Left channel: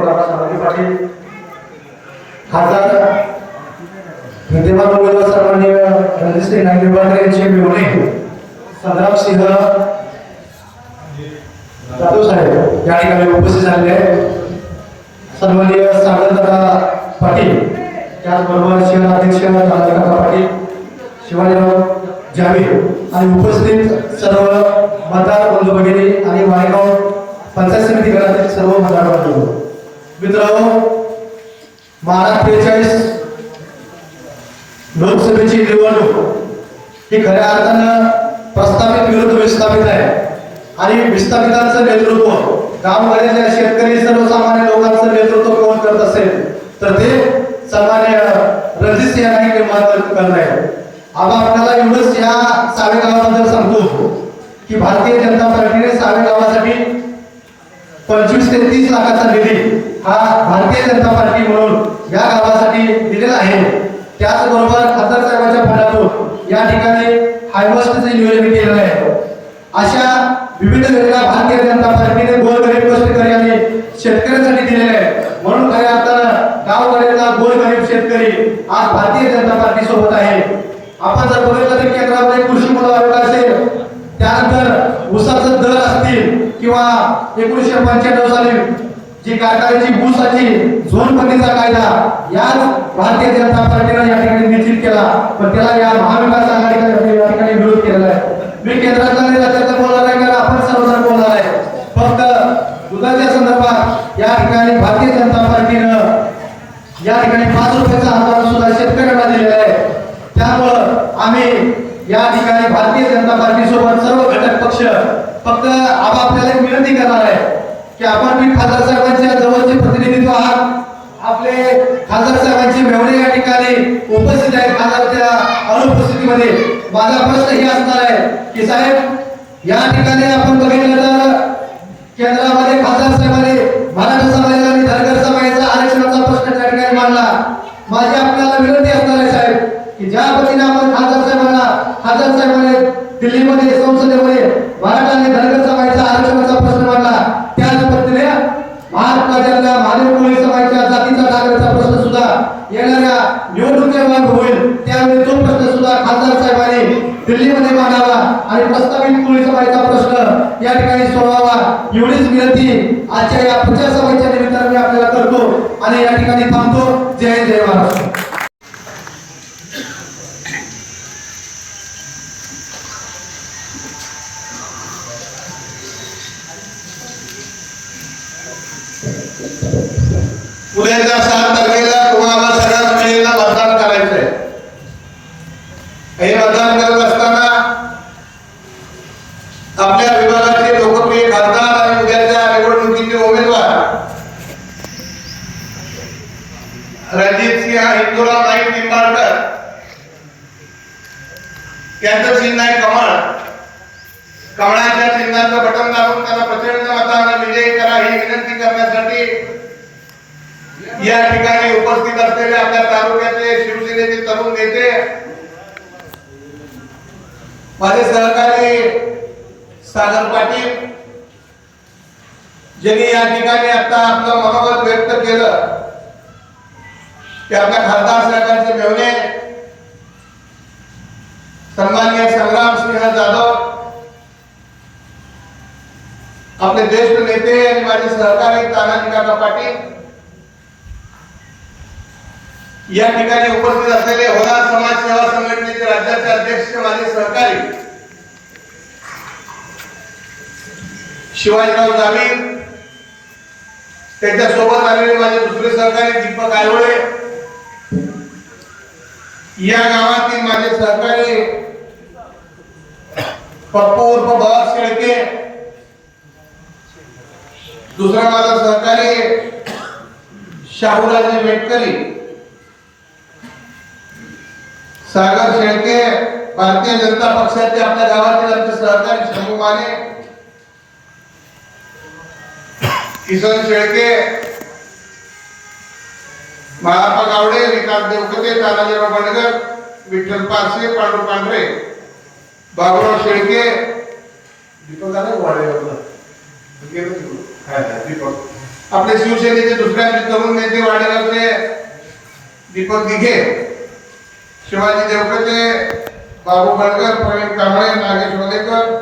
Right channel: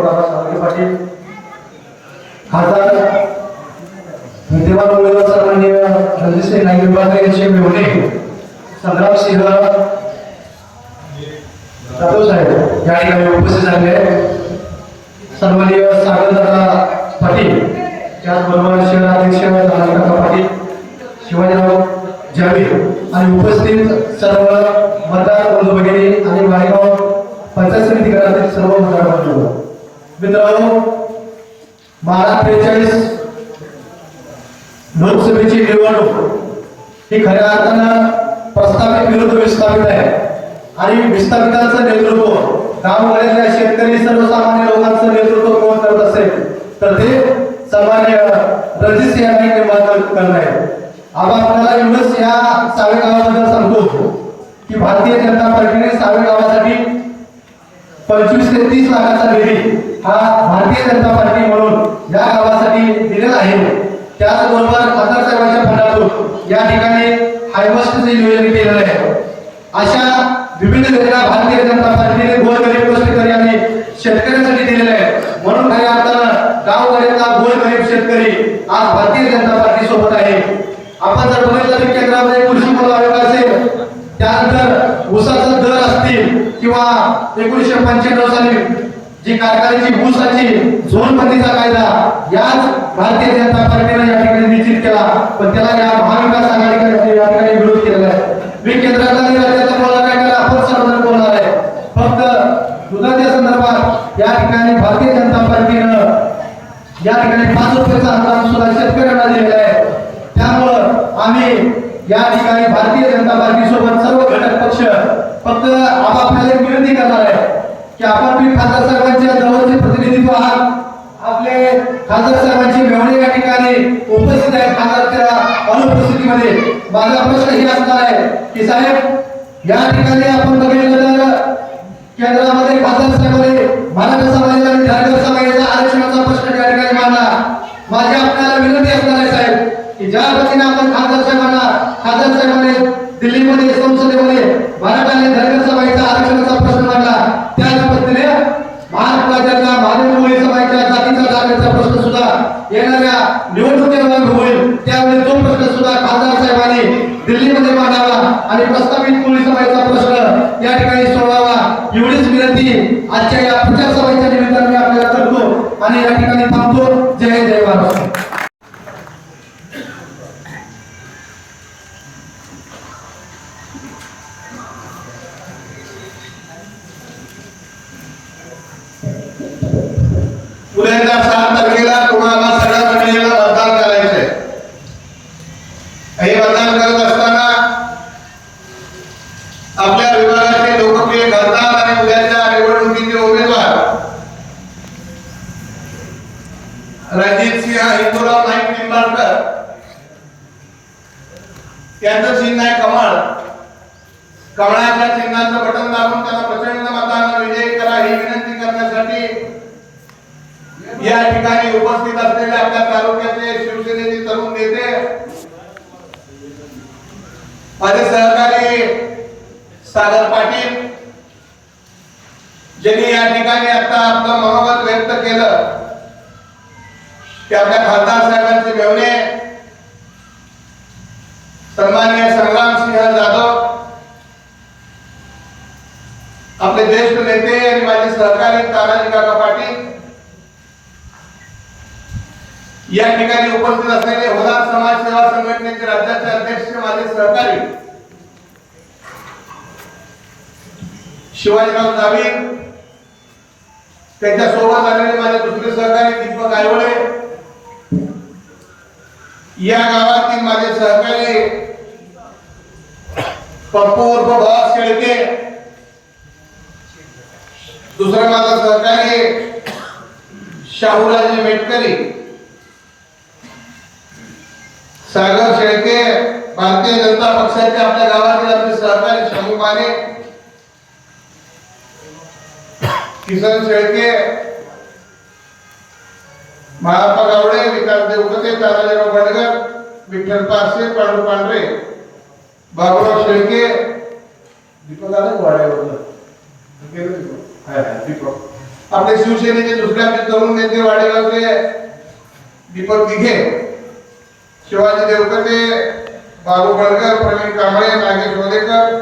जिल्ह्याचे कार्यसम्राट पाटील. खासदार विद्यमान उमेदवार सन्माननीय रणजितसिंह नाईक यांचे संग्राम सिंह जाधव साहेब या ठिकाणी उपस्थित झालेले सन्माननीय सागरदादा पाटील त्याचबरोबर शहराध्यक्ष काका पाटील शिवाजीराव जावीर आणि उपस्थित सर्व मतदार बंधू भगिनी आणि मालेगाव पंचायत समिती घरातील सर्व मतदार बंधू. मित्रांनो बारा त्रेचाळीस लोकसभेची निवडणूक ही खऱ्या अर्थानं प्रस्थापित विरुद्ध विस्थापित आहे. आणि विस्थापितांचं नेतृत्व गाववाड्यातल्या शेतकरी सर्वसामान्य लोकांचं नेतृत्व कोण करत असेल तर ते सामान्य रणजित सिंह नाईक निर्माण करणं आहे. आता आपल्याला एवढंच या सावे गावाबद्दल सांगतो की भारतीय जनता पार्टीने सावे गावासाठी पंचवीस ते तीस लाखाचा निधी हा भारतीय जनता पार्टी म्हणून या गावासाठी दिलेला आहे. त्याचबरोबर खासदार साहेबांच्या फंडातून या ठिकाणी हायवेस्टचं नियोजन केलेलं आहे. अशा विविध योजना भारतीय जनता पार्टीने गोरगरीब गोष्टीकरी आणि शेतकऱ्यांसाठी दिलेल्या आहेत. म्हणून खऱ्या अर्थानं गावकऱ्यांचा गोरगरीब शेतकरी आज भारतीय जनता पार्टी सोबत आहे. आपण जर बघितलं तर केंद्रामध्ये कृषी पद असेल त्यानंतर ऊसाचं दर असतील किंवा एकोणीसशे पंच्याण्णव साली जी कारखान्याची ऊसाची झोनबंदीचा कायदा याच भारतीय जनता पार्टीनं या ठिकाणी निश्चित केला. पण त्याला या महाविकास आघाडीकडे या ठिकाणी विरोध केलेला आहे. मी केंद्राचा नाही राज्याचा बोलणार आहे कारण आपण सर्वजण बोलणार आहे. फक्त दुधाच्या संदर्भात या ठिकाणी भारतीय जनता पार्टीनं या ठिकाणी पाच रुपयाचा अनुदान सुद्धा शेतकऱ्यांना दिलेला आहे. या ठिकाणी भारतीय जनता पार्टी सोबत सर्व घटक पक्ष फक्त आपापल्याला एक विनंती करणार आहे की आपण मी खासदार साहेबांच्या जवळचे प्रतिनिधित्व आहात. आपले खासदार साहेबांचे मेवणे या ठिकाणी उपस्थित आहे खासदारच्या अनुपस्थितीमध्ये. माझा प्रश्न हे असणार आहे की साहेब या ठिकाणी आपण बघितलं तर केंद्रामध्ये खासदार साहेबांनी मराठा समाजाला आणि धनगर समाजाचा आरक्षणाचा प्रश्न त्या ठिकाणी मांडला. माझी आपल्याला विनंती असणार आहे साहेब की ज्या पद्धतीने आपण खासदार साहेबांना खासदार साहेबांनी दिल्लीमध्ये संसदेमध्ये मराठा आणि धनगर समाजाचा आरक्षणाचा प्रश्न मांडला. त्याच पद्धतीने महाराष्ट्राच्या मानवी मुली समाजाच्या जातीचा दाव्याचा प्रश्न सुद्धा येणाऱ्या निवडणुकीला होईल. त्यावेळी तो प्रश्न सुद्धा खासदार साहेबांनी दिल्लीमध्ये मांडावा आणि प्रस्तावित मुली समाजाचा प्रश्न या ठिकाणी सोडवावा. एवढीच विनंती आजच्या या प्रचार सभेच्या निमित्ताने मी आपल्याला करतो आणि या ठिकाणी थांबतो. जय जय महाराष्ट्र उद्याच्या सात तारखेला तुम्हाला सगळ्या महिलेला मतदान करायचंय हे मतदान करत असताना आपल्या विभागाचे लोकप्रिय खासदार आणि उद्याच्या निवडणुकीचे उमेदवार रणजित सिंह हिंदूराव नाईक निंबाळकर त्यांचं चिन्ह आहे कमळ. कमळाच्या चिन्हाचं बटन दाबून त्यांना प्रचंड मतांना विजय करा ही विनंती करण्यासाठी या ठिकाणी उपस्थित असलेले आपल्या तालुक्याचे शिवसेनेचे तरुण नेते माझे सहकारी सागर पाटील ज्यांनी या ठिकाणी आता आपलं मनोगत व्यक्त केलं ते आपल्या खासदार साहेबांचे मेवणे सन्मान्य संग्राम सिंह जाधव आपले ज्येष्ठ नेते आणि माझे सहकारी तानाजी काका पाटील या ठिकाणी उपस्थित असलेले होणार समाज सेवा संघटनेचे राज्याचे अध्यक्ष माझे सहकारी शिवाजीराव जावीर त्यांच्यासोबत आलेले माझे दुसरे सहकारी दीपक आयवळे या गावातील माझे सहकारी पप्पू उर्फ बाबा शेळके दुसरा माझा सहकारी शाहूराजे मेटकरी सागर शेळके भारतीय जनता पक्षाचे आपल्या गावातील आमचे सहकारी शाहू माने. किसन शेळके महात्मा गावडे विकास देवकते तानाजीराव बंडगर विठ्ठल पारसे पांडू पांढरे बाबूराव शेळके. दीपक आला वाड्यावरनं दीपक. आपले शिवसेनेचे दुसऱ्या तरुण नेते वाडेगावचे दीपक दिघे शिवाजी देवकते बाबू बनकर प्रवीण कांबळे नागेश वलेकर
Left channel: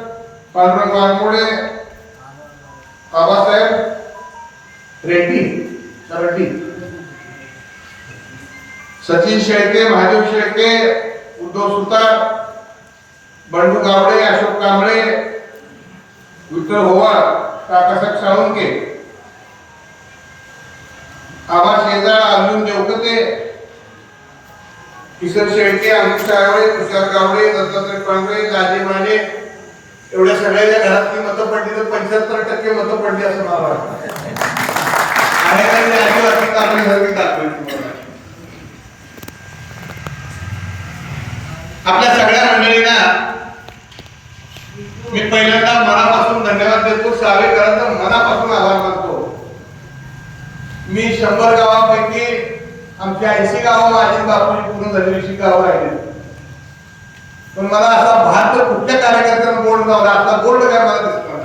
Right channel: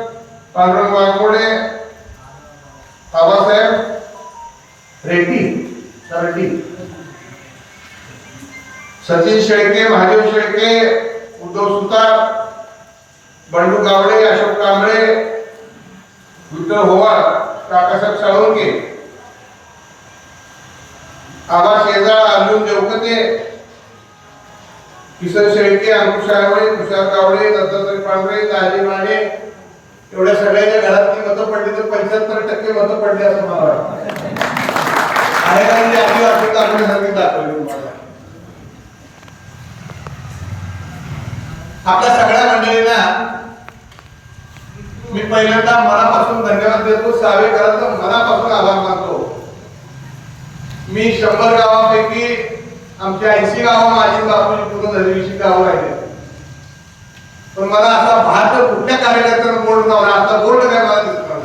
पांडुरंग वाघमोडे बाबासाहेब रेड्डी रेड्डी सचिन शेळके महादेव शेळके उद्धव सुतार बंडू गावडे अशोक कांबळे विठ्ठल होवार काकासाहेब साळुंके आबा शेजाळ अर्जुन देवकते किसन शेळके अमित शायवळे तुषार गावडे दत्तात्रय पांढरे दाजी माने एवढ्या सगळ्याच्या घरातली मतं पडली तर पंच्याहत्तर टक्के मतं पडली असं मला वाटतं. अनेकांनी आदिवासी आपल्यासारखी दाखवली तुम्हाला आपल्या सगळ्या मंडळींना मी पहिल्यांदा मनापासून धन्यवाद देतो सावेकरांचा मनापासून आभार मानतो. मी शंभर गावापैकी आमच्या ऐंशी गावं माझी बापूजी पूर्ण झाली गाव गावं राहिले. पण मला असा भारत कुठल्या कार्यकर्त्यांना बोर्ड लावला आता बोर्ड काय मला दिसणार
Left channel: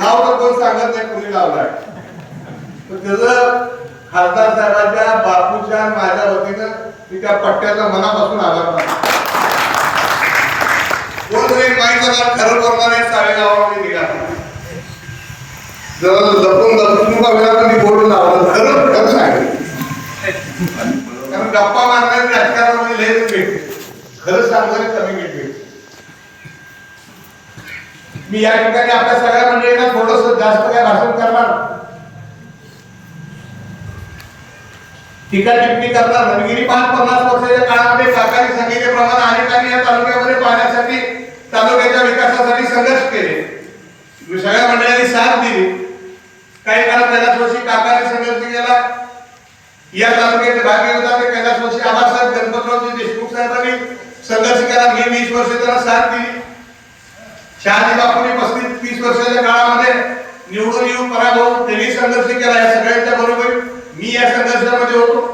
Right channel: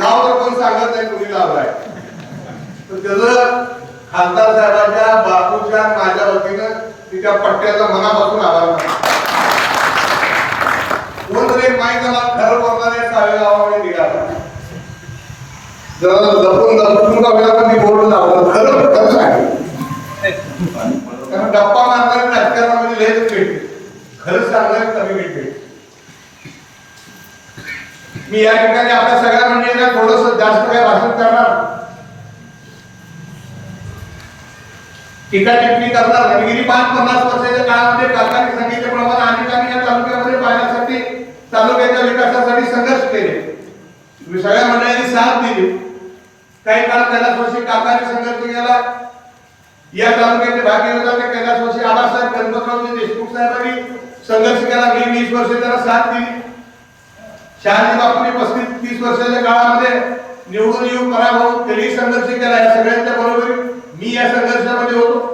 नाव तर कोण सांगत नाही कुणी लावलाय पण त्याचं खासदार साहेबांच्या बापूच्या माझ्या वतीनं तिच्या पट्ट्याचा मनापासून आभार मानतो. कोण तरी माहीत झाला खरं बोलणारे सावे गावामध्ये निघाला. जरा जपून जपून बघला तर मी बोर्ड लावला खरं खरं आहे. कारण गप्पा मारणारे राजकारणामध्ये म्हणजे लयच मिळते खरं सांगणारे कमी मिळते मी या ठिकाणी आपल्या सगळ्या मंडळींना थोडस जास्त काही भाषण करणार. टीका टिप्पणी करणार. नाही. गेली पाच पन्नास वर्षाच्या काळामध्ये काकाने सांगितल्याप्रमाणे अनेकांनी या तालुक्यामध्ये पाहण्यासाठी तालुक्याच्या विकासासाठी संघर्ष केले. मी सगळ्या मंडळांनी साथ दिली. काही काळ कैलास वर्षी काकांनी संघर्ष केला. या तालुक्याचे भाग्य होता ते कैलास आबासाहेब गणपतरावजी देशमुख साहेबांनी संघर्ष केला. मी वीस वर्ष त्यांना साथ दिली. शहाजी बापूंनी पस्तीस तीस वर्षाच्या काळामध्ये निवडून येऊन पराभव त्यांनी संघर्ष केला. या सगळ्यांच्या बरोबर मी या संघर्षामध्ये होतो.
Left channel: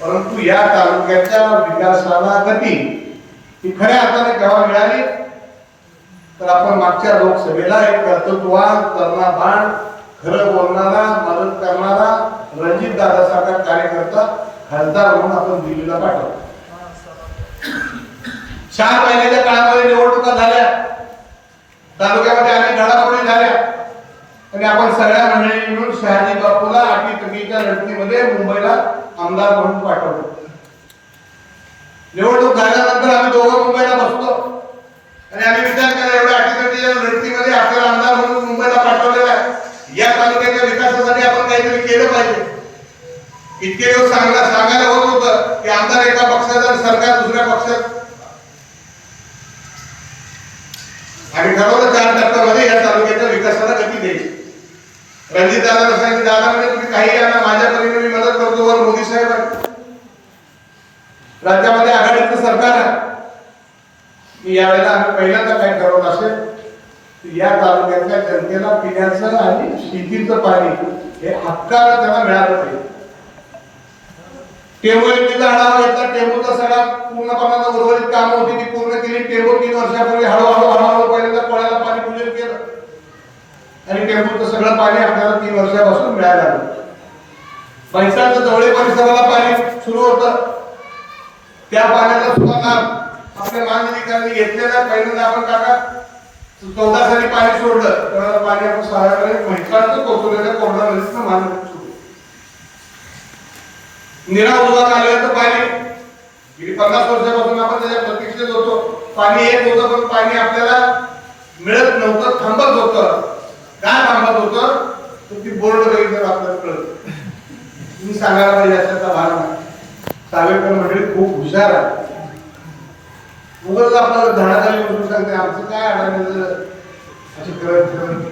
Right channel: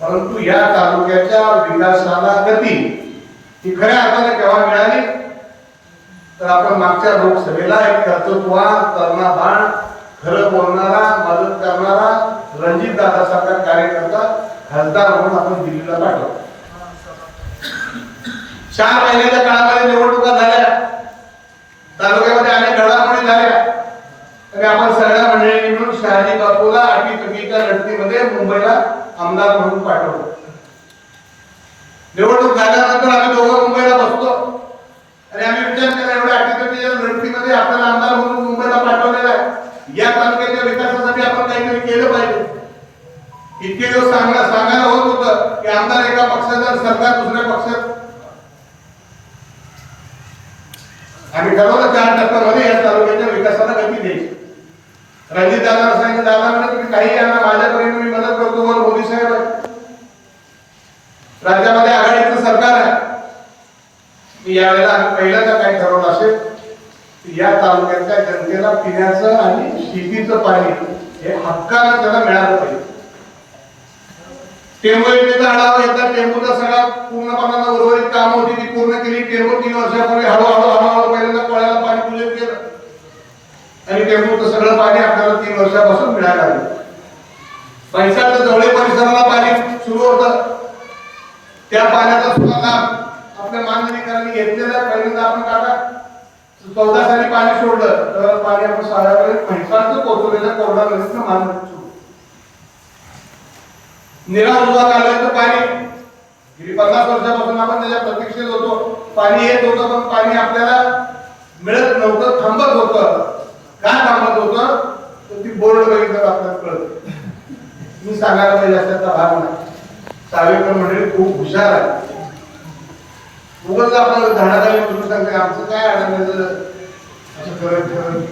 परंतु या तालुक्याच्या विकासाला गती ती खऱ्या अर्थाने केव्हा मिळाली तर आपण मागच्या लोकसभेला एक कर्तृत्वान कर्माबाण खरं बोलणारा मदत करणारा रणजित दादासारखा कार्यकर्ता खासदार म्हणून आपण दिल्लीला पाठवतो चार महिन्याच्या काळामध्ये निवडणुका झाल्या. तालुक्यामध्ये अनेक घडामोडी झाल्या. आणि आपण सगळ्या मंडळी मिळून शहाजी बापूला अटी तटीच्या लढतीमध्ये मुंबईला आमदार म्हणून पाठवलं. निवडणूक झाल्यानंतर आम्ही दोघं मुंबईला बसतो. आणि आम्ही विचार केला एवढ्या अटीतटीच्या लढतीमध्ये आपल्याला आमदार म्हणून मुंबईला पाठवलेला आहे. या तालुक्याच्या विकासासाठी आपण काहीतरी केलं पाहिजे. इतके दिवस सांगणं सांगायला होत होतं की आमदार एका पक्षाचा आणि सरकार दुसऱ्या पक्षात. आम्ही ठरवलं चार टप्प्यामध्ये या तालुक्याच्या विकासाला गती द्यायची. रणजित दादा सांगितलं दादा म्हणजे तुम्ही काही यांना माझ्या परीने मी मदत करतो वर मोदी साहेब आहे राज्यामध्ये आघाडीचं सरकार आहे. यावेळेला पहिल्यांदा काय ठरवलं असेल या तालुक्यातल्या जनतेला पिण्याचं आणि शेतीचं पाणी हे हक्कानं त्यांना मिळालं पाहिजे. टेंबू योजनेचा आढावा घेतला टेंबूचा सगळा पूर्णपणानं उर्वरित काम होती ती पूर्ण केली. टेंबू तीन वर्षापूर्वी हळूहळू हळूहळू पहिल्यांदा कोळ्याला पाणी पूजन केलं. आणि टेंबूचं सगळं पाणी आपल्याला तीन वर्षापासून मिळायला लागलं. पैशाचं जवळे परिसराला पाणी सुरू होतं. पाण्याचा लाभ आपल्या माननीकरांनी घेतलेला पहिल्यांदा आपण काका चौदा साली पाणी सोडलं तर पाणी आपण सहा म्हैसाळचं कोचवलेलं कोरडा नदीतनं मान निरा रोजात होत तर पाणी गेली पन्नास वर्षापासून आपण त्याच्या प्रतीक्षेत होतो. पाणी येत होतं पण पाणी आपल्याला मिळत नव्हतं थांबत होतं. का थांबत होतं? तर ती बोर्ड बघितलं आपल्याला कळत मी सांगायला पाहिजे अशाचा भाग नाही. सावेकर म्हणजे खूप हुशार आहे. उगाच आपल्याला धडा द्यायला म्हणून सांगते आमचं काय अडचण असं करत करत.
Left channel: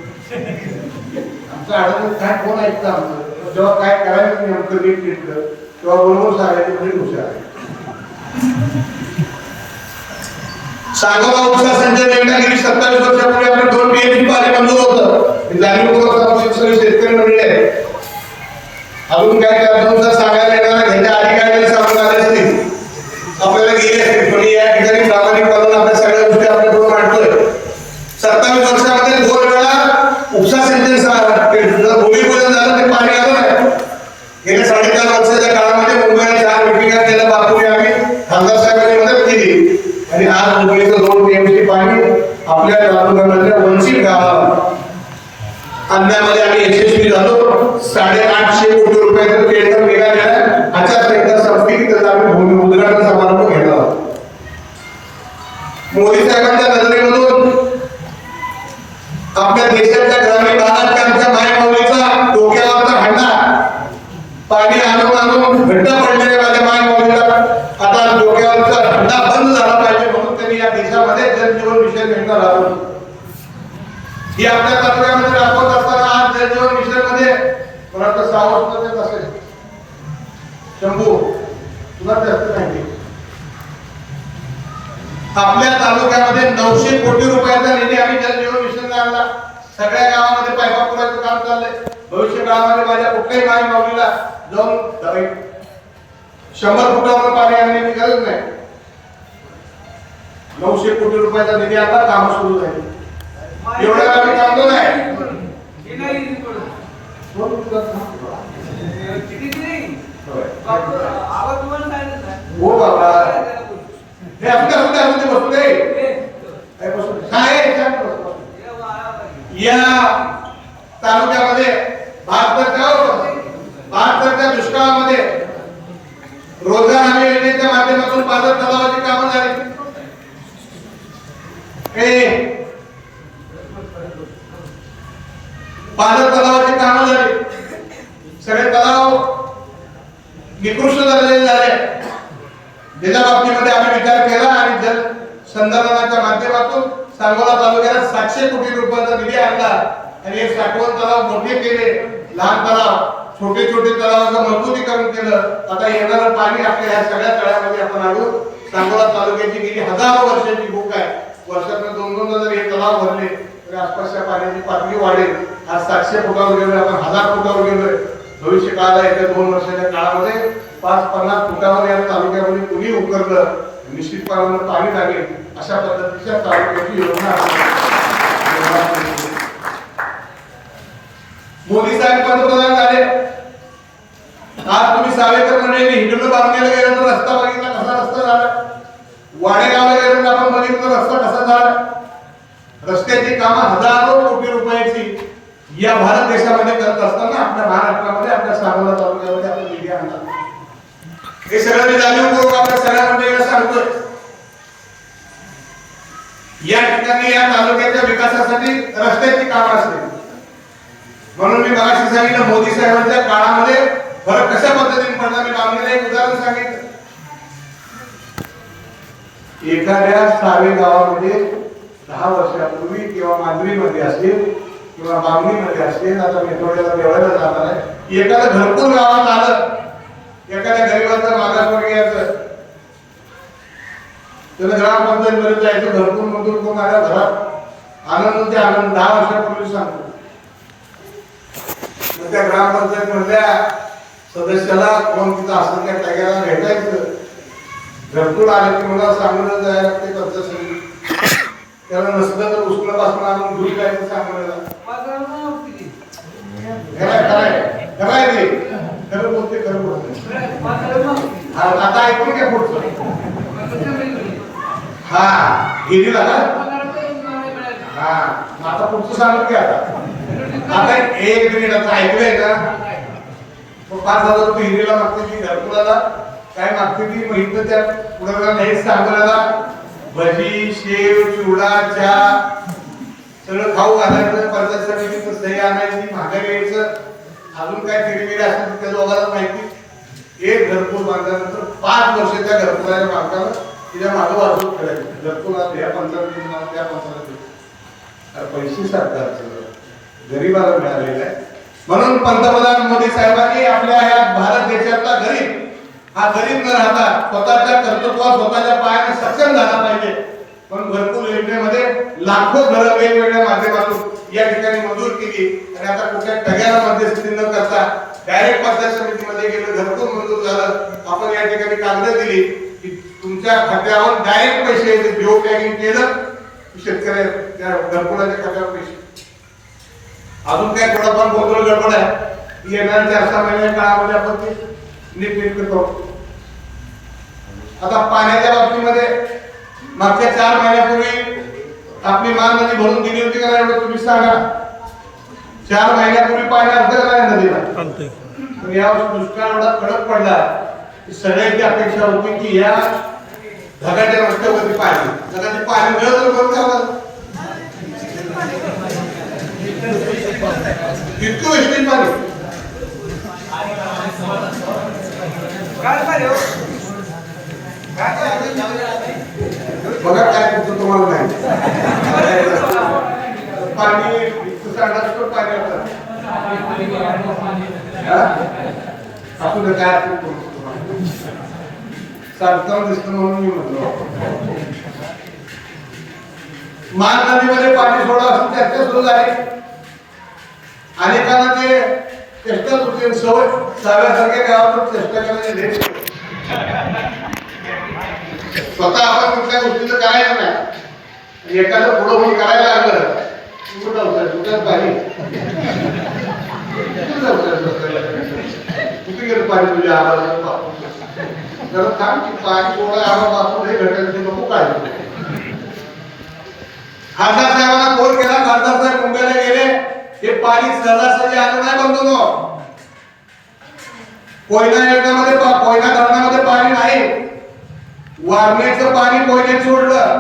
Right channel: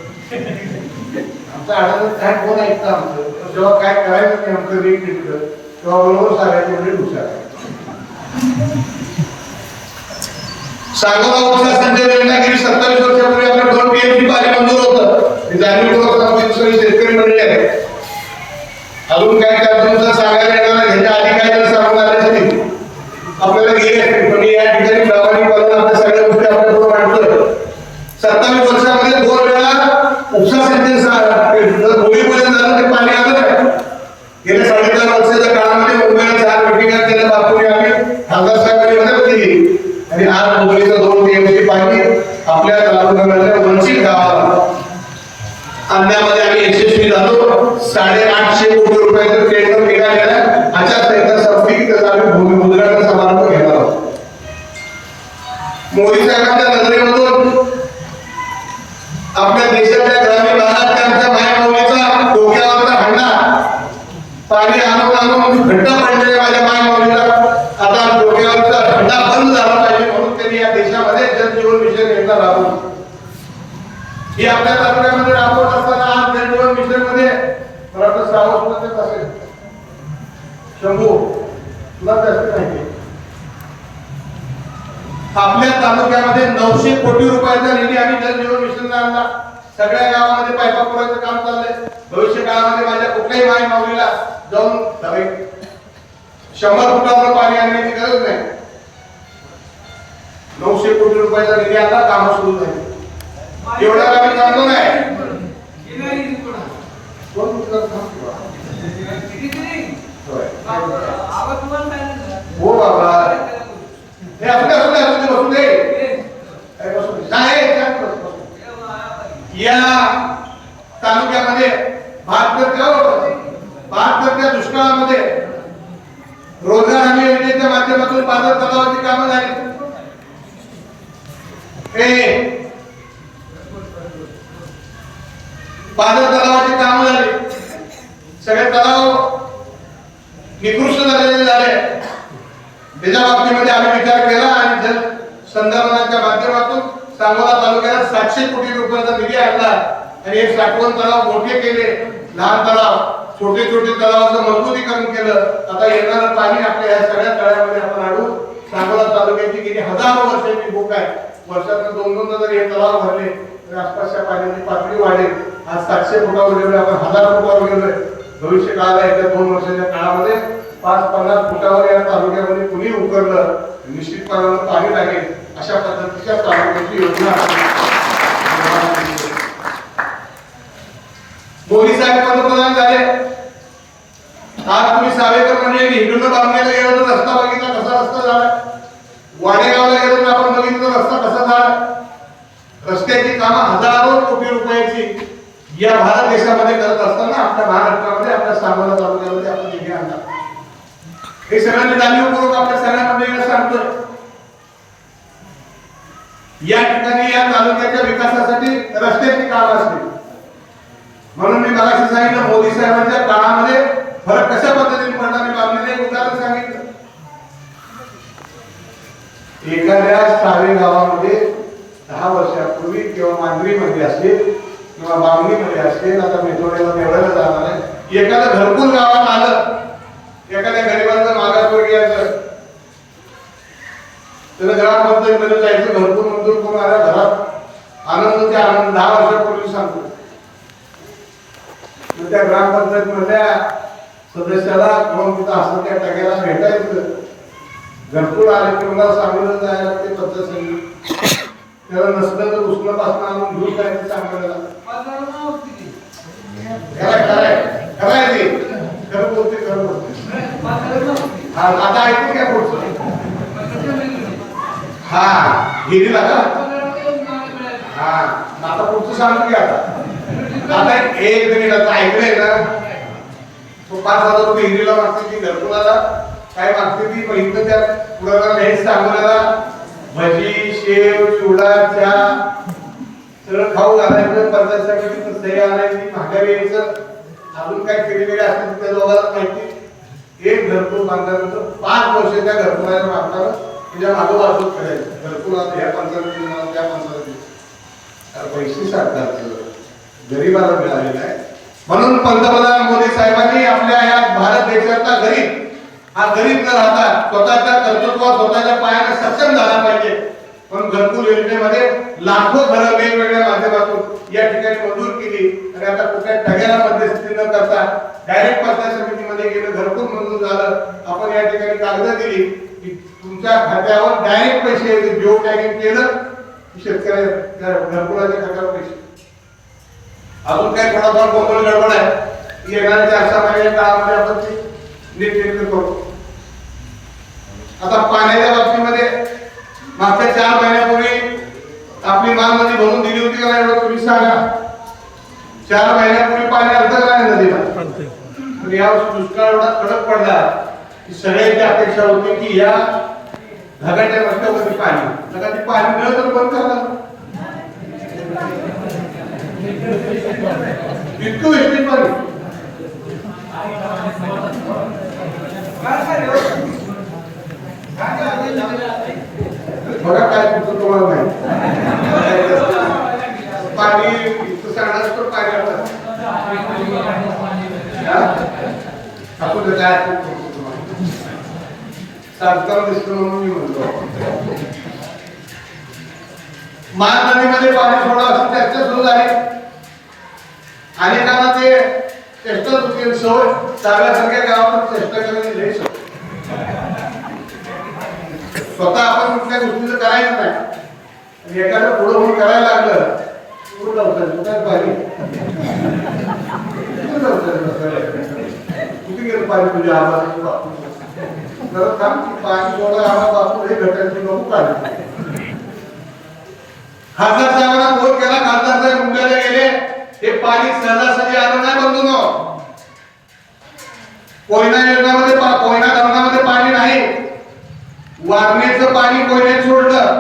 आमचं अडचण काय कोण ऐकतं आमचं? जेव्हा काय करायचं नाही आमचं नीट नीटकं तेव्हा बरोबर सांगायचं म्हणजे हुशार सांगोला उपसा संजय रत्नागिरी सत्तावीस वर्षापूर्वी आपलं दोन पीएचडी पाणी मंजूर होतं. जाणीवपूर्वक सांगतो सगळे शेतकरी मंडळी आहेत. अजून काय काय तुमचं सांगायला येणार ह्याच्या आधी काय जर सांगून आले असतील आपल्याला गेले असतील पण या ठिकाणी प्रामाणिकपणानं आपल्या सगळ्या गोष्टी आपल्याकडून मांडतोय सत्तावीस वर्षामध्ये दुसरा सेंटेन्स भूमिपूजन झालं ते पाणी आलं नाही गेल्या साडेचार वर्षाच्या काळामध्ये मुंबईला चार मिटिंगा केल्या बापूने आम्ही खासदार साहेबांनी मदत केली आणि आज मुंबईचं दोन टीएमसी पाणी आपल्या तालुक्यामधल्या वंचित गावाला आणण्यामध्ये आम्ही यशस्वी झालो साडेआठशे कोटी रुपयाचं टेंडर निघालेलं आचारसंहिता संपली की त्याचा आम्ही भूमी उद्घाटन समारंभ घेणार आहोत मोदी साहेबांच्या नजरेमधून आपल्या देशातल्या ग्रामीण भागातल्या आमच्या मावळीचा डोक्यावरचा हंडा. पाणी आणून आणून घट्ट पडलेले माझ्या मायमाऊलीला. आता डोक्यावरचा हंडा बंद झाला पाहिजे म्हणून त्यांनी या देशामध्ये जलजीवन मिशन योजना राबवली. ही आपल्या तालुक्यामध्ये राबवत असताना आज जलजीवन मिशनमध्ये मला वाटतं सहा वर्ष असेल. शंभू तुला जास्त माहिती आपल्या तालुक्यामध्ये नऊशे कोटी रुपयाचा निधी आम्ही जलजीवन मिशनला आणला. सगळ्या गावामध्ये पायपा पुरायचं काम चाललंय. भविष्य काळामध्ये माझ्या कुठल्याही माई माऊलीला जाऊन. शंभर फुटावर पाणी आणण्याची गरज नाही. नऊशे कोटी रुपयाचा निधी आता काम सुरू झाली. एवढं आम्ही थांबलो नाही. हो बाबा. हे असं कसं काय असं ते बसू दे काय बसू दे? नाही त्या बसू, बसू. या तालुक्यामध्ये भारताच्या भारताच्या दुष्काळामध्ये रोजगार हमी योजनेच्या माध्यमातून पाझर तलावाची कामं झाली हे पाझर तलावाची कामं झाली सगळे तलाव निकृष्ट झालेले झाले त्याच्या बाबतीमध्ये आम्ही विचार केला आणि जल संधारणाच्या सांगोला तालुक्याला सातशे कोटी रुपयाचा निधी आणला. आणि हे साठवण तलाव मोठे केले. लहान तलाव छोटे छोटे तलावाचं मजबूतीकरण केलं. आता येणारं पाणी आपल्या या सगळ्या तळ्यामध्ये आपण आणून सांगोला तालुक्याची गेली हजारो वर्षाची भूक आहे. वर्षातून दोन दोन जर हे तलाव भरले तर आसपासच्या पाण्याची पातळी वाढेल. आज सातशे फुटावर गेलोय आपण हजार फुटावर गेलोय. भविष्य काळाला येत्या दोन वर्षाच्या काळामध्ये पाच पन्नास फुटावर या तालुक्यामध्ये कुणी उकरलं निश्चितपणानं पाणी लागेल. अशा पद्धतीच्या तालुक्याची योजना मोदी साहेब पंतप्रधान झाले. आज तुम्ही सावेकर मंडळी इकडनं बांधण्याला गेलो तर रस्ता बघितला कसा रस्ता झाला? वाडेगावला गेलो तर आपण बघितलं तर रस्ता कसा झाला? रस्त्याची कामं हजारो कोटी रुपयाची या भारत देशामध्ये करत असताना आपल्या महाराष्ट्रामध्ये आपल्या सांगोला तालुक्यामध्ये आपण निधी आणतात हे सगळं मी जाणीवपूर्वक आपल्या सगळ्या मंडळीला सांगतो या ठिकाणी या तालुक्याच्या विकासासाठी रस्त्याची कामं असतील. म्हणून मी मगाशी सांगितलं मोदी साहेबांच्या काळामध्ये फरक कशा पद्धतीने पडला मी कामलेलं एक उदाहरण सांगितलं. एखाद्या सावे गावामध्ये दहा वर्षापूर्वी किंवा मांजरीमध्ये असतील किंवा बामणीमध्ये असतील आता मेट्रोला देवळाला जाणार आहे. एखादं घरपूर गावात आलं एखाद्या गरीबाचं मागासवर्गीयाचं त्याला ग्रामपंचायतीमध्ये जायचं घरपूर मंजूर करून माझ्या घरात. आनंद ते आनंद. दहा वर्षापूर्वी सांगतो. मग त्या ग्रामपंचायत मधल्या सदस्याला कोण तिथं असं त्या टग्याला भेटायचं. घरकुल आलं की मला सांगून जायला ते पंचायत त्याला नसलं तर उष्णपासून आणून घेऊन जायचं सांगायला. खरंय खरंय खरंय खरं बोलते खरं बोलते. आता ऐकते काय बोलतो हा गिरीला ना हा आता पुढचं सांगू की आता. आता एक मिनिट आता ऐकलंय ना तो पाच हजार रुपये हिरीला मागते ती घरकुलाला काय मागते ती मग इथं त्या कुणाला नाही सांगण्याला भजी शेव चिवडा चहा सगळं खाऊ घालायचं परदेशासाठी तिथं सही आणायची माघारी यायचं अजून काय खेळीमेळी असतात त्या दोघांना माहिती. एक घरकुल बांधल्यानंतर पाच वर्ष त्या घरकुलाच्या मागताना तिच्या मागं खेळायचं घरकुल आता ह्या पंचायतीत त्या पंचायतीत पैसे सरकारचं गरीबाला मिळालेलं आहे म्हणून पंतप्रधान मोदी साहेबांनी आपल्या या भारत देशातला गरीब हा गरीब न राहता स्वतःच्या कर्तृत्वात स्वतःच्या पायाने सक्षम झाला पाहिजे. पण घरकुल योजनेमध्ये लाखो घरं वेगवेगळ्या माध्यमातून या ठिकाणी मंजूर केली. आणि आता कुठल्या ठग्याला मध्यस्थी न करता डायरेक्ट पंचायत समितीमध्ये गेलं घरकुल मंजूर झालं. आपण या ठिकाणी कागद दिली. तुमच्या खात्यावर डायरेक्ट पैसे यायचे. जिओ टॅगिंग केलं शेतकऱ्या त्या घरकुलाच्या खात्यावर पैसे. अजून काही थोडाफार गोंधळ गडबड आहे? येणाऱ्या चार सहा महिन्याच्या काळामध्ये आपण ते नीटनेटकं करू. आता पाण्याच्या बाबतीमध्ये मागच्या चार महिन्यापूर्वी आपली मान नदी भरून दिली होती का नाही एवढं तुम्ही सांगा. चार महिन्यापूर्वी पाणी का नाही नदीला? या दुष्काळ एवढा कडक पडला. सगळ्यांची अपेक्षा होती की या ढगाच्या रस्त्यावरती पाणी जगा पाणी मिळत बंद करणार इतकं वेस्टेज पाणी. बघा काय तुमचं तुम्हाला माहिती. पाणी इतकं पाणी आपण काय आपण सांगताना दिसतं म्हणून मी म्हणलो. मान नदीमध्ये पाणी सोडा असून चर्चा सुरू झाली. अनेकांना ते चेष्टा होती सवय चाव्यासारख्या गावात चेष्टा करायची लई स्वतः आपण कुठल्या गोष्टीचं करायचं नाही. एखादं पुढं होऊन करायला लागलं कुठं जाऊ कुठं पाणी? कुठं जाऊ कुठे गेलं पाणी तुझ्या आवाज जरा थांब की पाणी सोडा आवाज वाचून हे घटनेचे नको काढले खासदार साहेबांना फोन केला खासदार साहेब मुंबईला गेले. हे पाणी सहजासहजी आलं नाही बंधूनो कोयना योजनामध्ये कोयना धरणामध्ये पाणी नाही. वारणेचं पाणी कोयनेत सोडलं.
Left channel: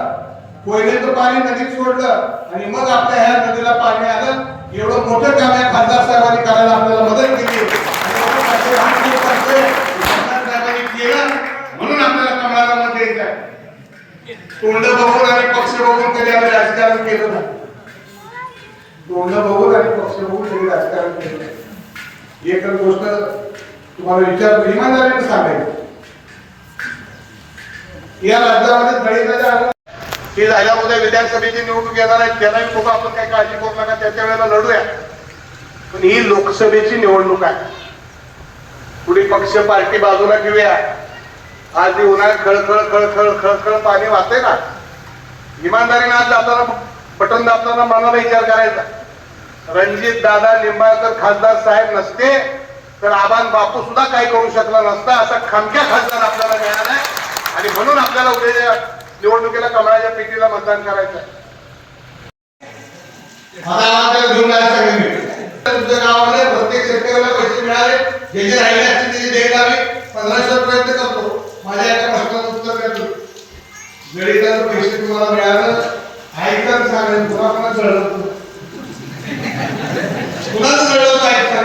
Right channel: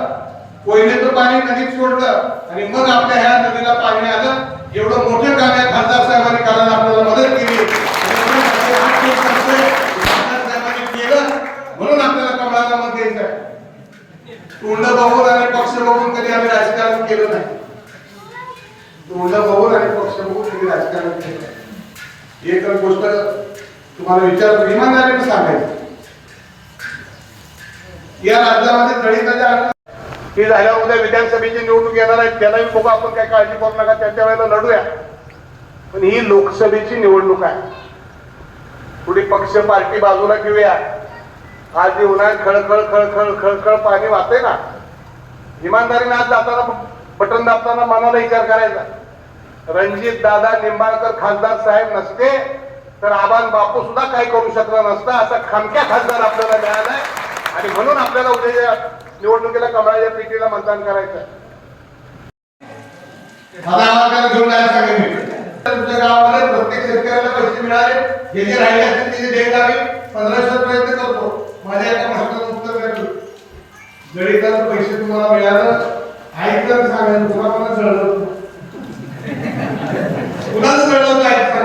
कोयनेचं पाणी नदीत सोडलं. आणि मग आपल्या ह्या नदीला पाणी आलं. एवढं मोठं काम या खासदार साहेबांनी करायला आपल्याला मदत केली. म्हणून आपल्याला कमळाला मत द्यायचं आहे. तोंड बघून आणि पक्ष बघून कधी आम्ही राजकारण केलं नाही. तोंड बघून आणि पक्ष बघून कधी राजकारण केलं नाही. एक गोष्ट तुम्हाला विचार इमानदारीने सांगायची. या राज्यामध्ये दलितांच्या आलं ही उद्या विधानसभेची निवडणूक येणार आहे. त्यालाही बघू आपण काही काळजी करू नका. त्याच्या वेळेला लढूया. पण ही लोकसभेची निवडणूक आहे. कुणी पक्ष पार्टी बाजूला घेऊया. आज जी उन्हाळ्यात खळखळ खळखळ खळखळ पाणी वाहते ना. इमानदारीने आज दाबताना बटन दाबताना मनाला विचार करायचा. रणजित दादा निंबाळकर खासदार साहेब नसते तर आबान बापू सुद्धा काही करू शकला नसता असा खमक्या खासदार आपल्याला मिळालाय. आणि म्हणून आपल्याला उद्याच्या निवडणुकीला कमळाच्या पिटीला मतदान करायचं तुमच्या गावामध्ये प्रत्येक शेतकऱ्याला पैसे मिळाले. जे जे राहिले असतील ते देत पंधराशे रुपये माझ्या एका प्रश्नाचं उत्तर द्या. जडिताचं पैसे तुम्हाला मिळालं ऐकता झालं तुला पण जळलं कुणाच जळलं ऐकता